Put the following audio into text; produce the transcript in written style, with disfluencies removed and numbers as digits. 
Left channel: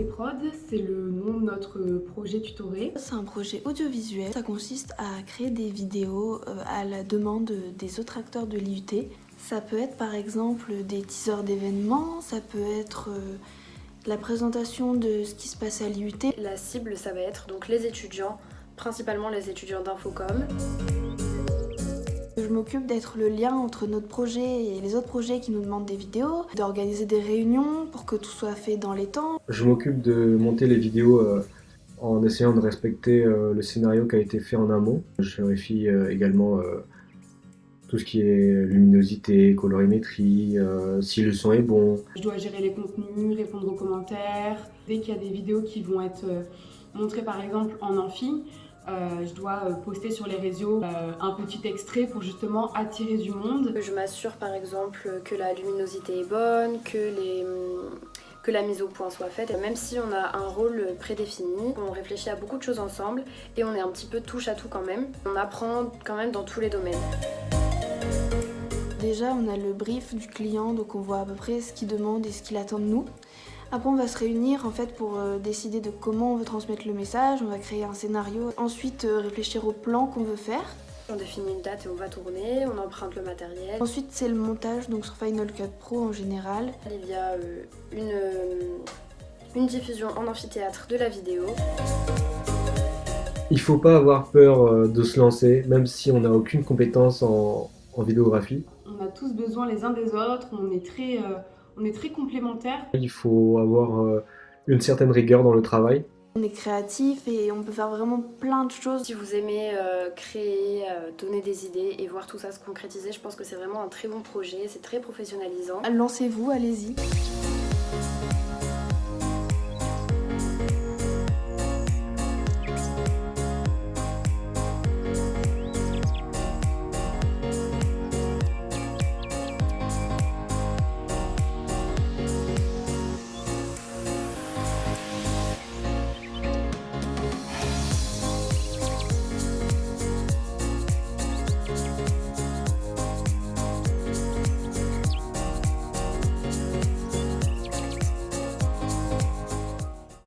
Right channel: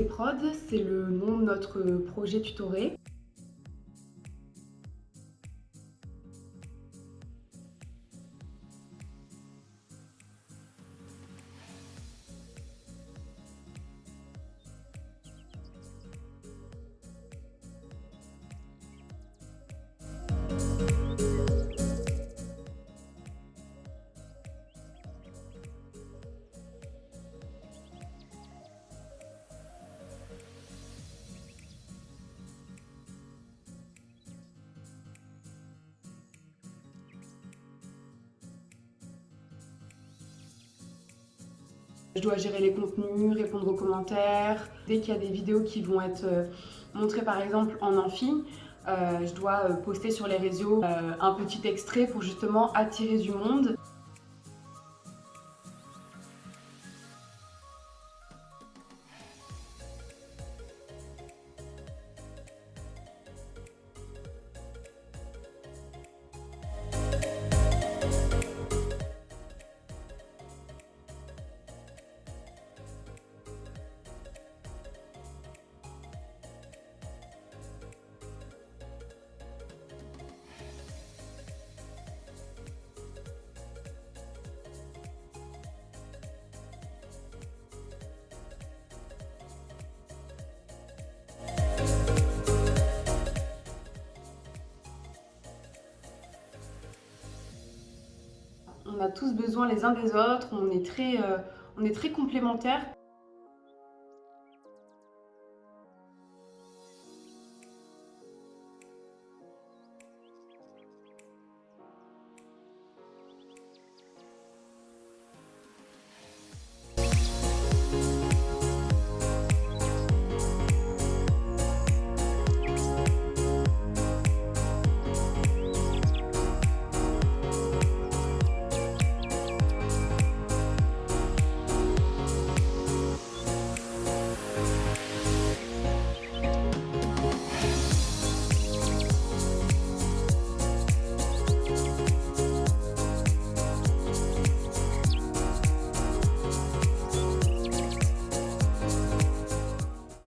MC Prod, c'est le nom de notre projet tutoré. C'est un projet audiovisuel, ça consiste à créer des vidéos à la demande des autres acteurs de l'IUT. Ça peut être par exemple des teasers d'événements, ça peut être la présentation de ce qui se passe à l'IUT. La cible, ça va être donc les étudiants, principalement les étudiants d'Infocom. Je m'occupe d'être le lien entre notre projet et les autres projets qui nous demandent des vidéos, d'organiser des réunions pour que tout soit fait dans les temps. Je m'occupe de monter les vidéos en essayant de respecter le scénario qui a été fait en amont. Je vérifie également tout ce qui est luminosité, colorimétrie, si le son est bon. Je dois gérer les contenus, répondre aux commentaires. Dès qu'il y a des vidéos qui vont être montrées par exemple en amphi, je dois poster sur les réseaux un petit extrait pour justement attirer du monde. Je m'assure par exemple que la luminosité est bonne, que la mise au point soit faite. Même si on a un rôle prédéfini, on réfléchit à beaucoup de choses ensemble et on est un petit peu touche à tout quand même. On apprend quand même dans tous les domaines. Déjà, on a le brief du client, donc on voit à peu près ce qu'il demande et ce qu'il attend de nous. Après, on va se réunir en fait pour décider de comment on veut transmettre le message, on va créer un scénario, ensuite réfléchir au plan qu'on veut faire. On définit une date et on va tourner, on emprunte le matériel. Ensuite, c'est le montage, donc sur Final Cut Pro en général. Il y a une diffusion en amphithéâtre de la vidéo. Il ne faut pas avoir peur de se lancer, même si on n'a aucune compétence en vidéographie. On a tous besoin les uns des autres, on est très complémentaires. Il faut avoir une certaine rigueur dans le travail. On est créatif et on peut faire vraiment plein de choses. Si vous aimez créer, donner des idées et voir tout ça se concrétiser, je pense que c'est vraiment un très bon projet, c'est très professionnalisant. Lancez-vous, allez-y.